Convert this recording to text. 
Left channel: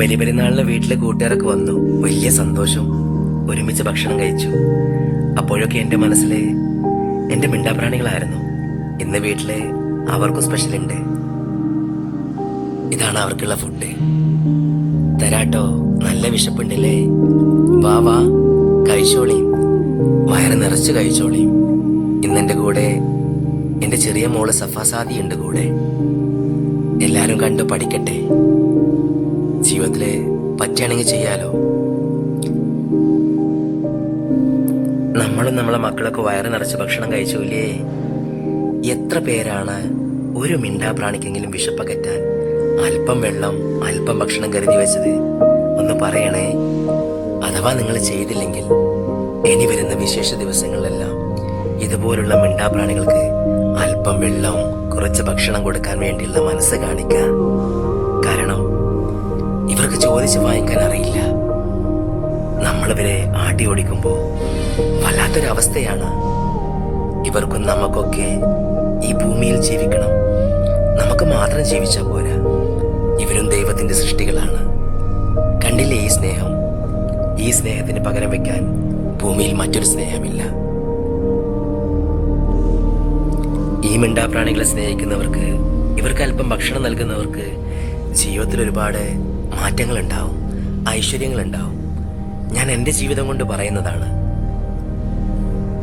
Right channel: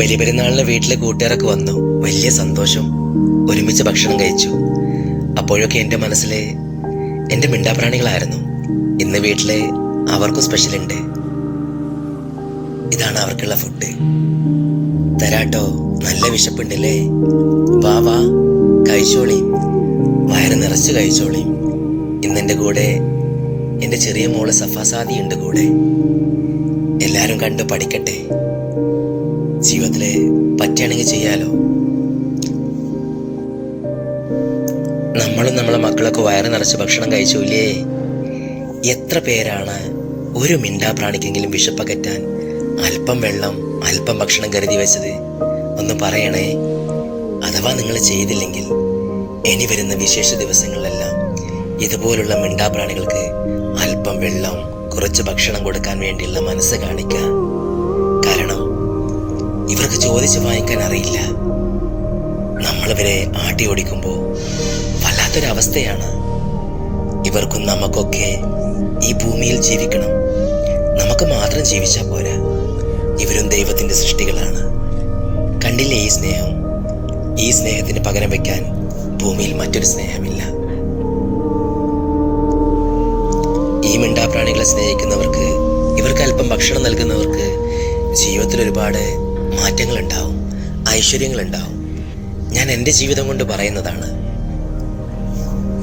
ബലിപെരുന്നാളിന് വീട്ടിലെ കൂട്ടുകാരൊക്കെ വന്നു. വലിയ സന്തോഷം. ഒരുമിച്ച് ഭക്ഷണം കഴിച്ചു. അപ്പോഴൊക്കെ എൻ്റെ മനസ്സിൽ എൻ്റെ മിണ്ടാപ്രാണികളായിരുന്നു. ഇന്ന് വീട്ടില് അവർക്കും സ്പെഷ്യലുണ്ട്. ഇതാണ് അവർക്കുള്ള ഫുഡ്. തരാട്ടോ, നല്ല വിശപ്പുണ്ടല്ലേ? വാ വാ, കഴിച്ചോളീം, വയറ് നിറച്ച് കഴിച്ചോളീം. ഇന്നെൻ്റെ കൂടെ എൻ്റെ ചെറിയ മോള് സഫാസാദി ഉണ്ട് കൂടെ. എല്ലാരും കണ്ടു പഠിക്കട്ടെ. ജീവിതത്തില് പറ്റുകയാണെങ്കിൽ ചെയ്യാലോ. നമ്മളും നമ്മളെ മക്കളൊക്കെ വയറ് നിറച്ച് ഭക്ഷണം കഴിച്ചൂല്ലേ? എത്ര പേരാണ് ഒരു മിണ്ടാപ്രാണിക്കെങ്കിലും വിശപ്പകറ്റാൻ അല്പം വെള്ളം, അല്പം ഭക്ഷണം കരുതി വെച്ചത്? ഒന്ന് പറയണേ. അഥവാ നിങ്ങൾ ചെയ്തില്ലെങ്കിൽ ഇനി വരുന്ന വിശേഷ ദിവസങ്ങളിലെല്ലാം ഇതുപോലുള്ള മിണ്ടാപ്രാണികൾക്ക് അല്പം വെള്ളം, കുറച്ച് ഭക്ഷണം കൊടുക്കാൻ വേണ്ടിയുള്ള മനസ്സ് കാണിക്കുക. കാരണം ഇവർക്ക് ചോദിച്ച് വാങ്ങിക്കാൻ അറിയില്ല. നമ്മളിവരെ ആട്ടി ഓടിക്കുമ്പോൾ വല്ലാത്തൊരവസ്ഥയാണ്. ഇവർക്കും നമുക്കൊക്കെ ഈ ഭൂമിയിൽ ജീവിക്കണം. നമുക്ക് മാത്രം ജീവിച്ചാൽ പോരാ. ഇവരും ദൈവത്തിൻ്റെ സൃഷ്ടികളാണ്. കണ്ടില്ലേ ഈ സ്നേഹം? ഈ സ്നേഹത്തിന് പകരം വെക്കാൻ ഭൂമിയിൽ മറ്റൊരു സ്നേഹമില്ല. ഈ മിണ്ടാപ്രാണികളെ സ്നേഹിക്കുന്നവർക്ക്, ഇവർക്ക് അല്പം ഭക്ഷണം നൽകുന്നവർക്ക് ജീവിതത്തിൽ ഒരുപാട് മാറ്റങ്ങളുണ്ടാവും, ഐശ്വര്യങ്ങളുണ്ടാവും. ഞാൻ എൻ്റെ ജീവിതം കൊണ്ട് പറയുന്നതാണ്.